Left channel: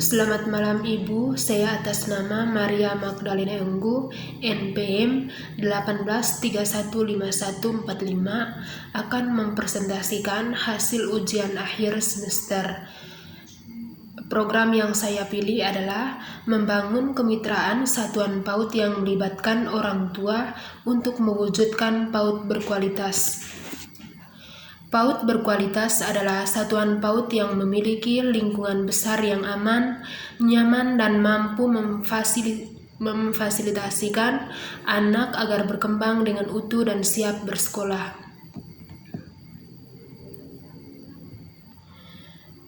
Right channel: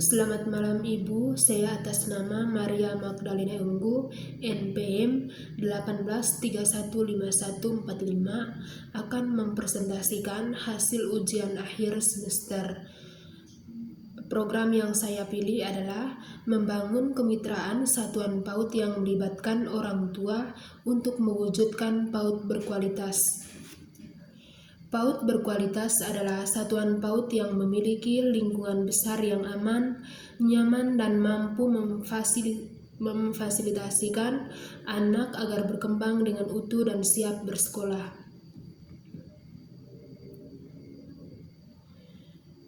Selamat malam Ibu, saya atas nama Maria Magdalena Enggu, NPM 18315145 akan mempresentasikan hasil ujian akhir semester. Program yang saya pilih adalah membangun kemitraan satuan PAUD yang melibatkan orang tua untuk mewujudkan PAUD berkualitas. PAUD berkualitas adalah satuan PAUD yang memiliki lingkungan besar yang aman, nyaman, dan mampu memfasilitasikan anak agar berkembang dengan utuh dan siap bersekolah.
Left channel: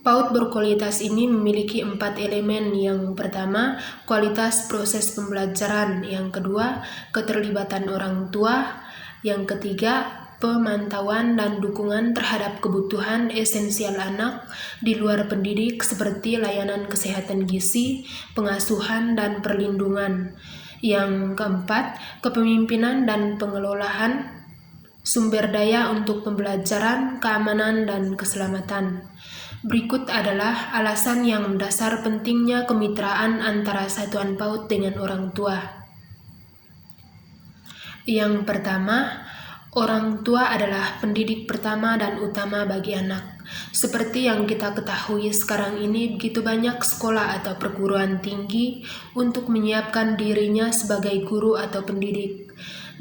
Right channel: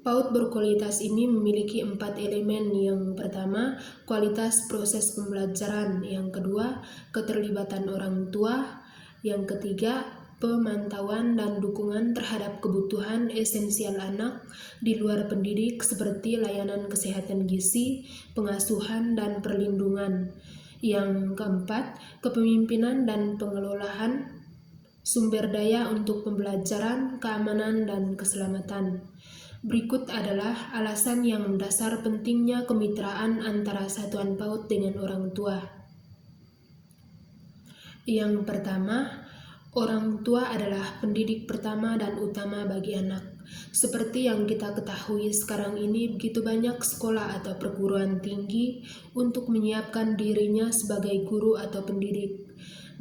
PAUD berkualitas ini memiliki 4 elemen. Yang pertama, kualitas proses pembelajaran. Yang kedua, keterlibatan orang tua. Yang ketiga, pemantauan dan dukungan terhadap kebutuhan esensial anak di luar pendidik seperti layanan kesehatan gizi, pengasuhan, dan perlindungan. Yang keempat, kepemimpinan dan pengelolaan sumber daya untuk pembelajaran, keamanan, dan keselamatan. Berikut adalah alasan yang mendasar pentingnya kemitraan antara satuan PAUD dengan orang tua. Yang pertama, orang tua adalah pendidik pertama dan utama bagi anak. Seperti yang kita ketahui sekarang ini, begitu banyak sekolah atau perguruan tinggi untuk menyiapkan dirinya sebagai guru atau pendidik.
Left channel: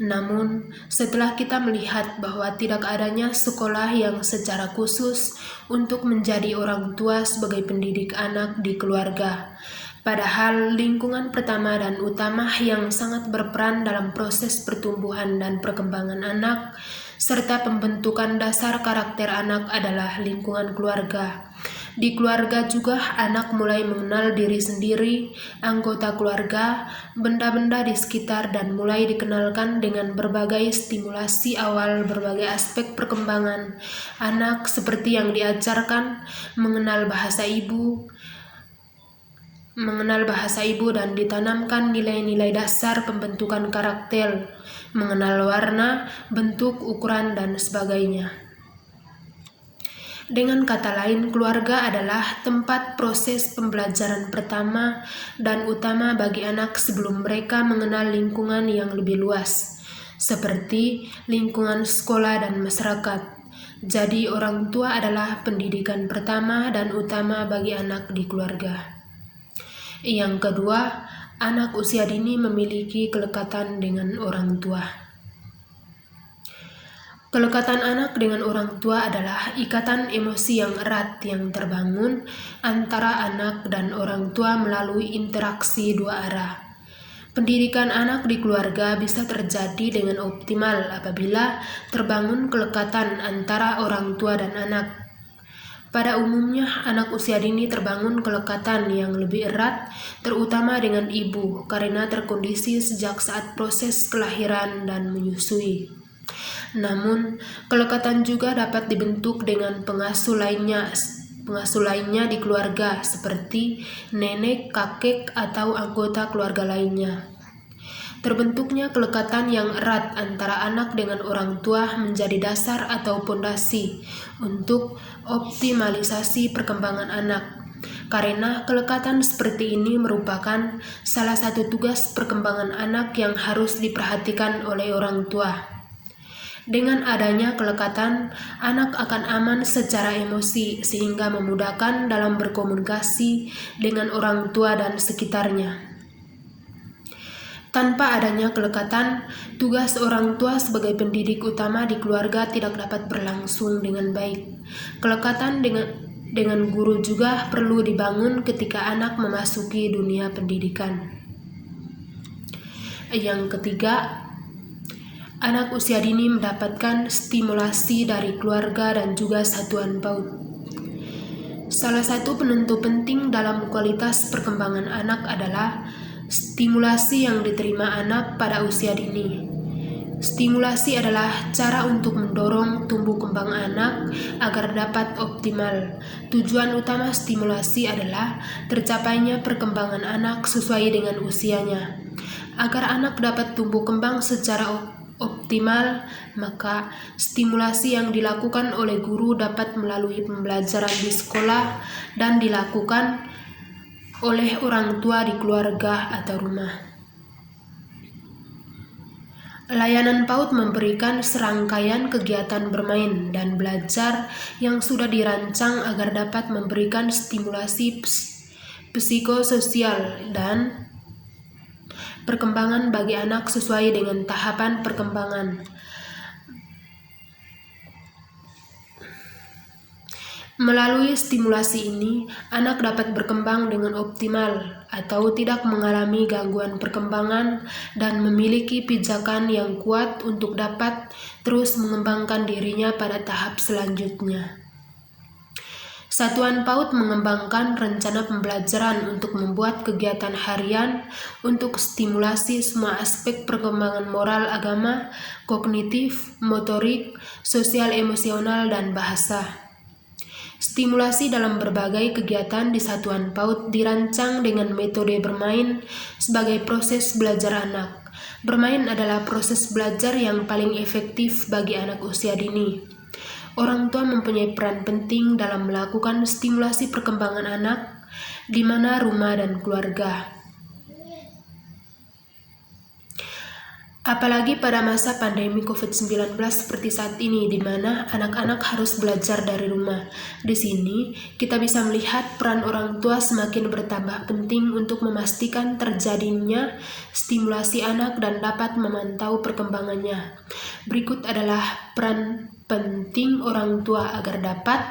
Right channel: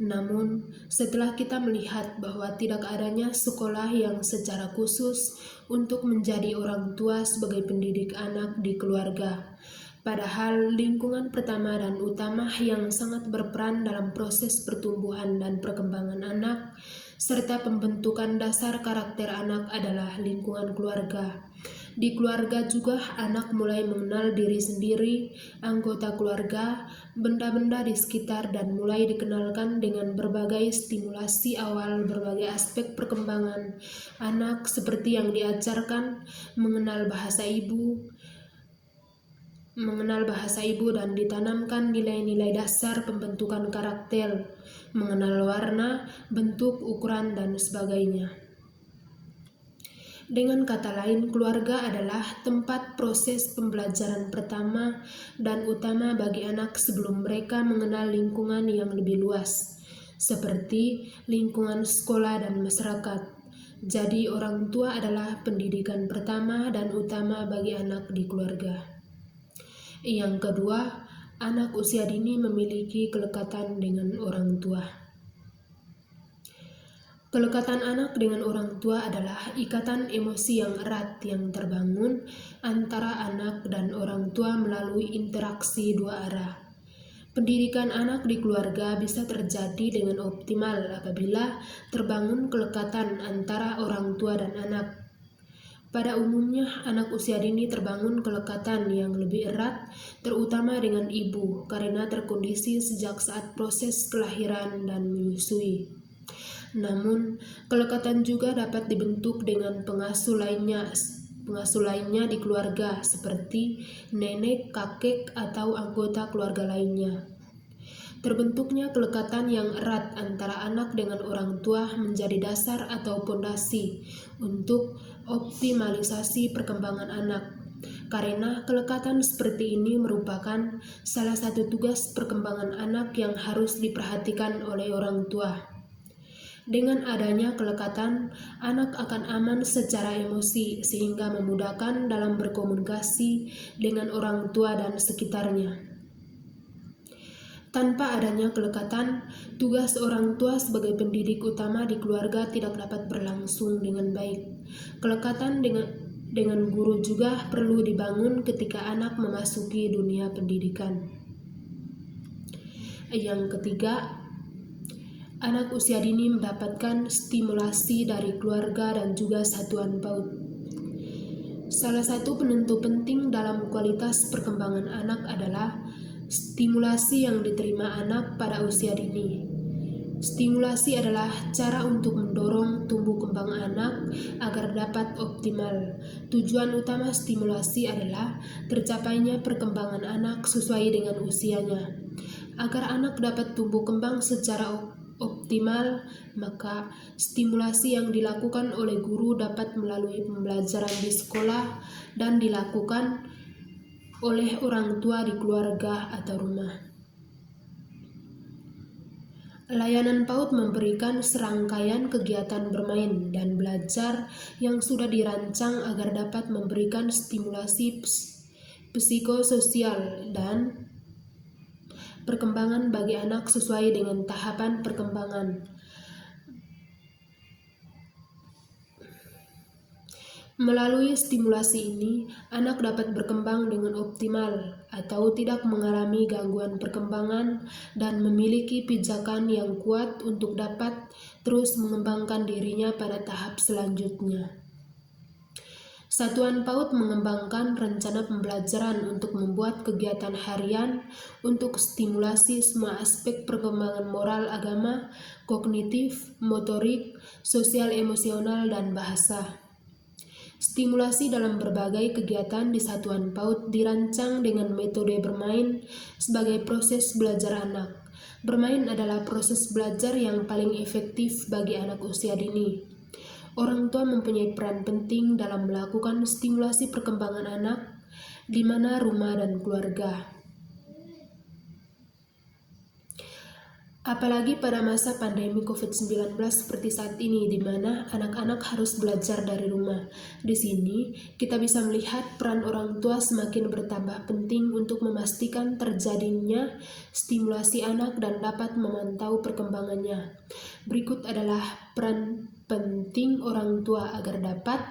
Namun, setelah kita melihat bahwa tidak adanya sekolah yang secara khusus untuk menjadi orang tua sebagai pendidik anak di keluarga, padahal lingkungan pertama dan utama yang sangat berperan dalam proses pertumbuhan dan perkembangan anak, serta pembentukan dasar karakter anak adalah lingkungan keluarga. Di keluarga juga anak mulai mengenal diri sendiri, anggota keluarga, benda-benda di sekitar, dan mulai dikenalkan dengan berbagai stimulasi awal berbagai aspek perkembangan anak seperti yang diajarkan, mengenal bahasa ibu dan ditanamkan nilai-nilai dasar pembentukan karakter, mengenal warna, bentuk, ukuran, dan sebagainya. Dengan kata lain, keluarga adalah tempat proses pembelajaran pertama dan utama bagi anak sebelum mereka mengenal lingkungan yang lebih luas, seperti lingkungan sekolah dan masyarakat. Jadi, orang tua adalah pendidikan pertama dan utama bagi anak di keluarga. Yang kedua, anak usia dini memiliki kelekatan dengan orang tua. Kelekatan anak dengan orang tua adalah ikatan emosi yang erat yang terbangun antara anak dan orang tua melalui interaksi dua arah. Pendidikan anak di keluarga bisa terjadi dengan optimal apabila terbangun kelekatan antara orang tua dan anak. Pada umumnya, anak usia dini terbangun kelekatan yang lebih erat, terutama dengan ibu, karena terkondisi sejak saat proses kelahiran dan menyusui. Namun, kelekatan juga dapat dibentuk dengan pengasuh lainnya di keluarga, seperti nenek, kakek, atau anggota keluarga lainnya. Terbentuknya kelekatan yang erat antara anak dengan orang tua menjadi dasar atau pondasi untuk optimalisasi perkembangan anak. Karena kelekatan seperti ini merupakan salah satu tugas perkembangan anak yang harus diperhatikan oleh orang tua. Dengan adanya kelekatan, anak akan aman secara emosi sehingga memudahkan dalam berkomunikasi dengan orang tua dan sekitarnya. Tanpa adanya kelekatan, tugas orang tua sebagai pendidik utama di keluarga tidak dapat berlangsung dengan baik. Kelekatan dengan guru juga perlu dibangun ketika anak memasuki dunia pendidikan. Yang ketiga, anak usia dini mendapatkan stimulasi dari keluarga dan juga satuan PAUD. Salah satu penentu penting dalam kualitas perkembangan anak adalah stimulasi yang diterima anak pada usia dini. Stimulasi adalah cara untuk mendorong tumbuh kembang anak agar dapat optimal. Tujuan utama stimulasi adalah tercapainya perkembangan anak sesuai dengan usianya. Agar anak dapat tumbuh kembang secara optimal, maka stimulasi yang dilakukan oleh guru dapat melalui pembelajaran di sekolah dan dilakukan oleh orang tua di keluarga atau rumah. Layanan PAUD memberikan serangkaian kegiatan bermain dan belajar yang sudah dirancang agar dapat memberikan stimulasi psikososial dan perkembangan bagi anak sesuai dengan tahapan perkembangan. Melalui stimulasi ini, anak dapat berkembang dengan optimal atau tidak mengalami gangguan perkembangan dan memiliki pijakan yang kuat untuk dapat terus mengembangkan dirinya pada tahap selanjutnya. Satuan PAUD mengembangkan rencana pembelajaran untuk membuat kegiatan harian untuk stimulasi semua aspek perkembangan moral, agama, kognitif, motorik, sosial, emosional, dan bahasa. Stimulasi dalam berbagai kegiatan di Satuan PAUD dirancang dengan metode bermain sebagai proses belajar anak. Bermain adalah proses belajar yang paling efektif bagi anak usia dini. Orang tua mempunyai peran penting dalam melakukan stimulasi perkembangan anak, di mana rumah dan keluarga. Apalagi pada masa pandemi COVID-19 seperti saat ini, di mana anak-anak harus belajar dari rumah. Di sini, kita bisa melihat peran orang tua semakin bertambah penting untuk memastikan terjadinya stimulasi anak dan dapat memantau perkembangannya. Berikut adalah peran penting orang tua agar dapat:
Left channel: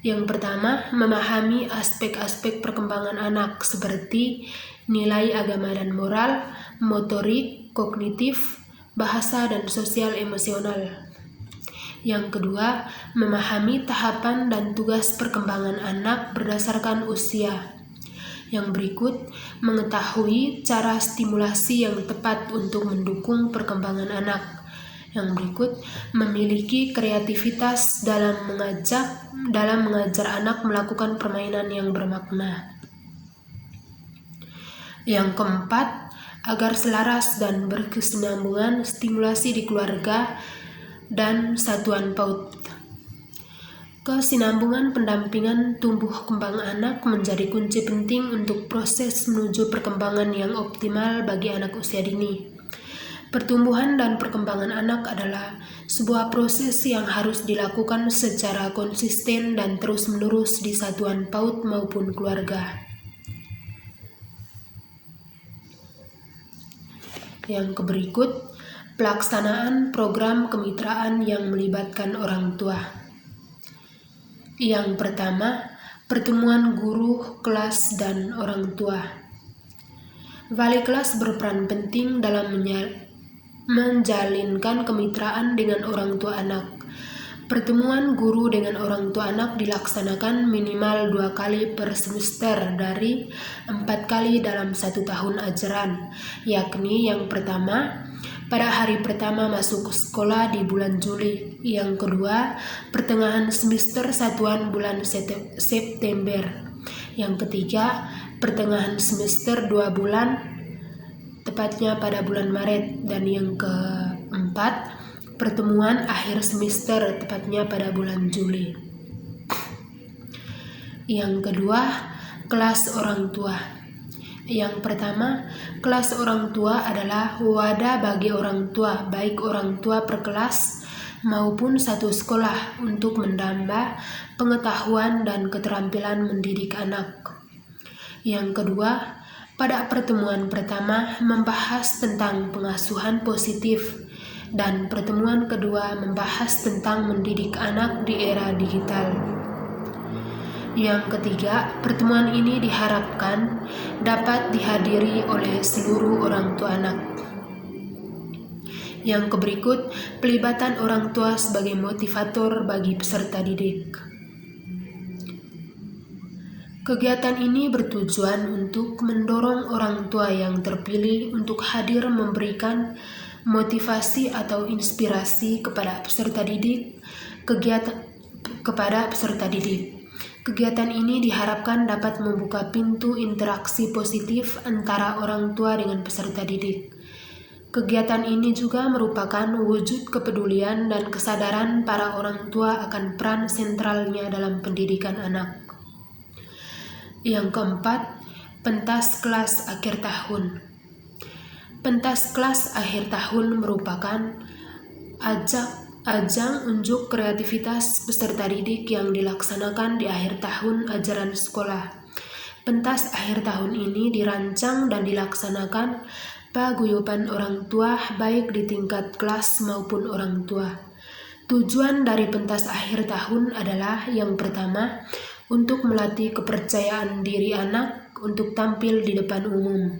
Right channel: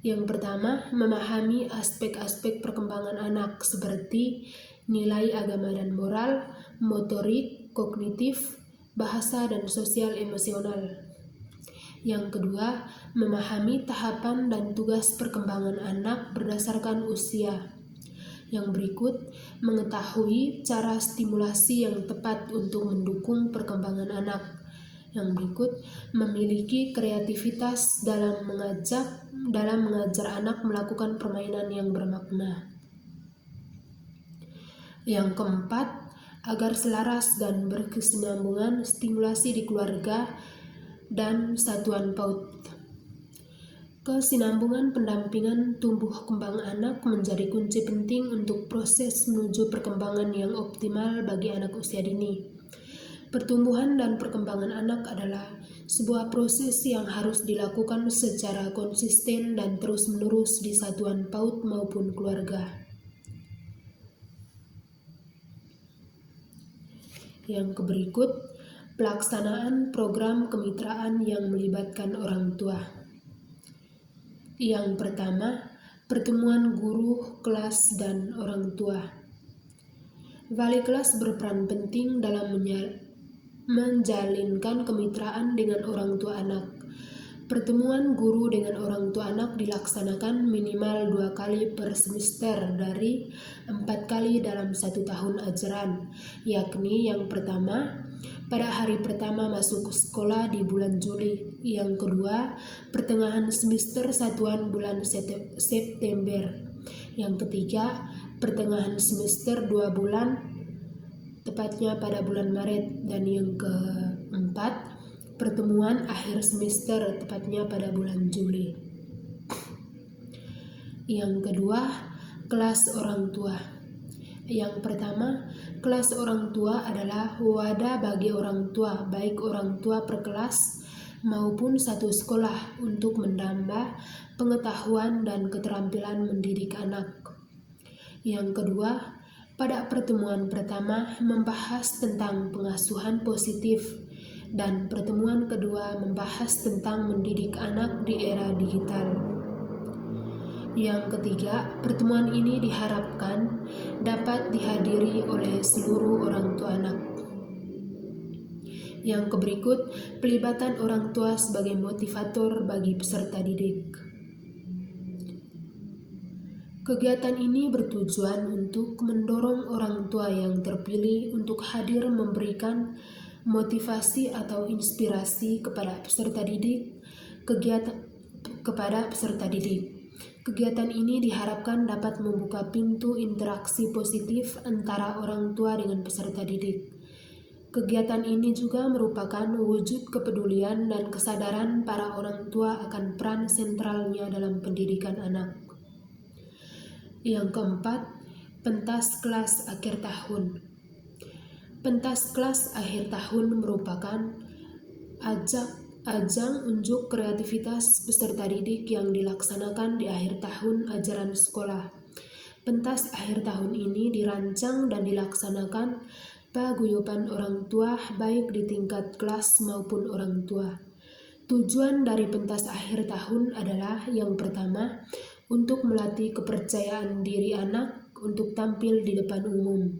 yang pertama, memahami aspek-aspek perkembangan anak seperti nilai agama dan moral, motorik, kognitif, bahasa, dan sosial emosional. Yang kedua, memahami tahapan dan tugas perkembangan anak berdasarkan usia. Yang berikut, mengetahui cara stimulasi yang tepat untuk mendukung perkembangan anak. Yang berikut, memiliki kreativitas dalam mengajar anak melakukan permainan yang bermakna. Yang keempat, agar selaras dan berkesinambungan stimulasi di keluarga dan Satuan PAUD. Kesinambungan pendampingan tumbuh kembang anak menjadi kunci penting untuk proses menuju perkembangan yang optimal bagi anak usia dini. Pertumbuhan dan perkembangan anak adalah sebuah proses yang harus dilakukan secara konsisten dan terus-menerus di Satuan PAUD maupun keluarga. Yang berikut, pelaksanaan program kemitraan yang melibatkan orang tua. Yang pertama, pertemuan guru, kelas, dan orang tua. Wali kelas berperan penting dalam menjalinkan kemitraan dengan orang tua anak. Pertemuan guru dengan orang tua anak dilaksanakan minimal 2 kali per semester dari 4 kali dalam 1 tahun ajaran, yakni yang pertama, pada hari pertama masuk sekolah di bulan Juli, yang kedua, pertengahan semester satuan bulan September, yang ketiga, pertengahan semester 2 bulan, tepatnya pada bulan Maret, dan yang keempat, pertemuan akhir semester tepatnya pada bulan Juli. Yang kedua, kelas orang tua. Yang pertama, kelas orang tua adalah wadah bagi orang tua, baik orang tua per kelas maupun satu sekolah, untuk menambah pengetahuan dan keterampilan mendidik anak. Yang kedua, pada pertemuan pertama membahas tentang pengasuhan positif, dan pertemuan kedua membahas tentang mendidik anak di era digital. Yang ketiga, pertemuan ini diharapkan dapat dihadiri oleh seluruh orang tua anak. Yang berikut, pelibatan orang tua sebagai motivator bagi peserta didik. Kegiatan ini bertujuan untuk mendorong orang tua yang terpilih untuk hadir memberikan motivasi atau inspirasi kepada peserta didik. Kegiatan ini diharapkan dapat membuka pintu interaksi positif antara orang tua dengan peserta didik. Kegiatan ini juga merupakan wujud kepedulian dan kesadaran para orang tua akan peran sentralnya dalam pendidikan anak. Yang keempat, Pentas kelas akhir tahun. Pentas kelas akhir tahun merupakan ajang unjuk kreativitas peserta didik yang dilaksanakan di akhir tahun ajaran sekolah. Pentas akhir tahun ini dirancang dan dilaksanakan paguyuban orang tua baik di tingkat kelas maupun orang tua. Tujuan dari pentas akhir tahun adalah yang pertama, untuk melatih kepercayaan diri anak untuk tampil di depan umum.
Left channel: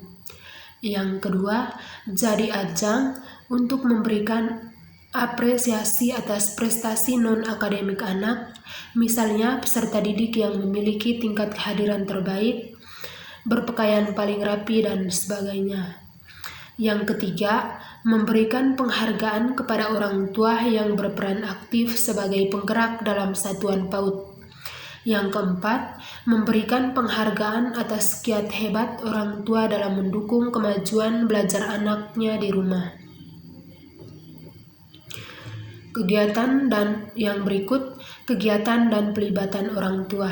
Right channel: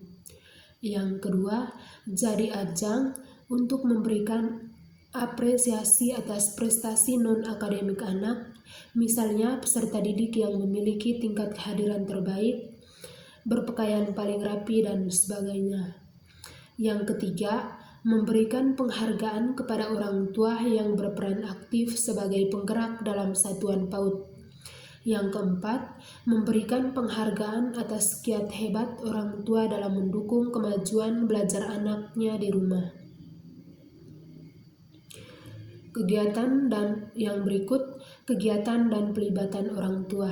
Yang kedua, jadi ajang untuk memberikan apresiasi atas prestasi non-akademik anak, misalnya peserta didik yang memiliki tingkat kehadiran terbaik, berpakaian paling rapi, dan sebagainya. Yang ketiga, memberikan penghargaan kepada orang tua yang berperan aktif sebagai penggerak dalam satuan PAUD. Yang keempat, memberikan penghargaan atas kiat hebat orang tua dalam mendukung kemajuan belajar anaknya di rumah. Kegiatan dan yang berikut, kegiatan dan pelibatan orang tua.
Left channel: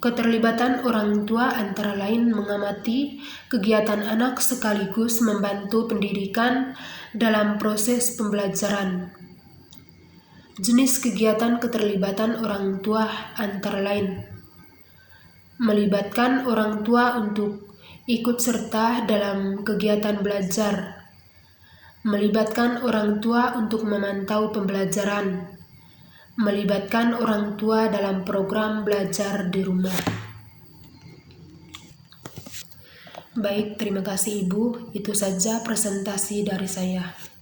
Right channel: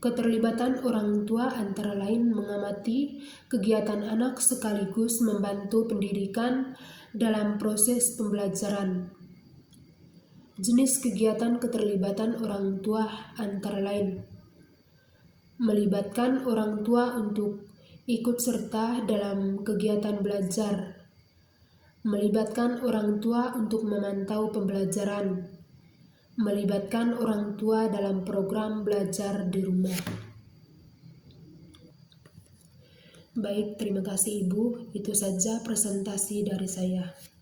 Keterlibatan orang tua antara lain mengamati kegiatan anak sekaligus membantu pendidikan dalam proses pembelajaran. Jenis kegiatan keterlibatan orang tua antara lain: melibatkan orang tua untuk ikut serta dalam kegiatan belajar, melibatkan orang tua untuk memantau pembelajaran, melibatkan orang tua dalam program belajar di rumah. Baik, terima kasih Ibu. Itu saja presentasi dari saya.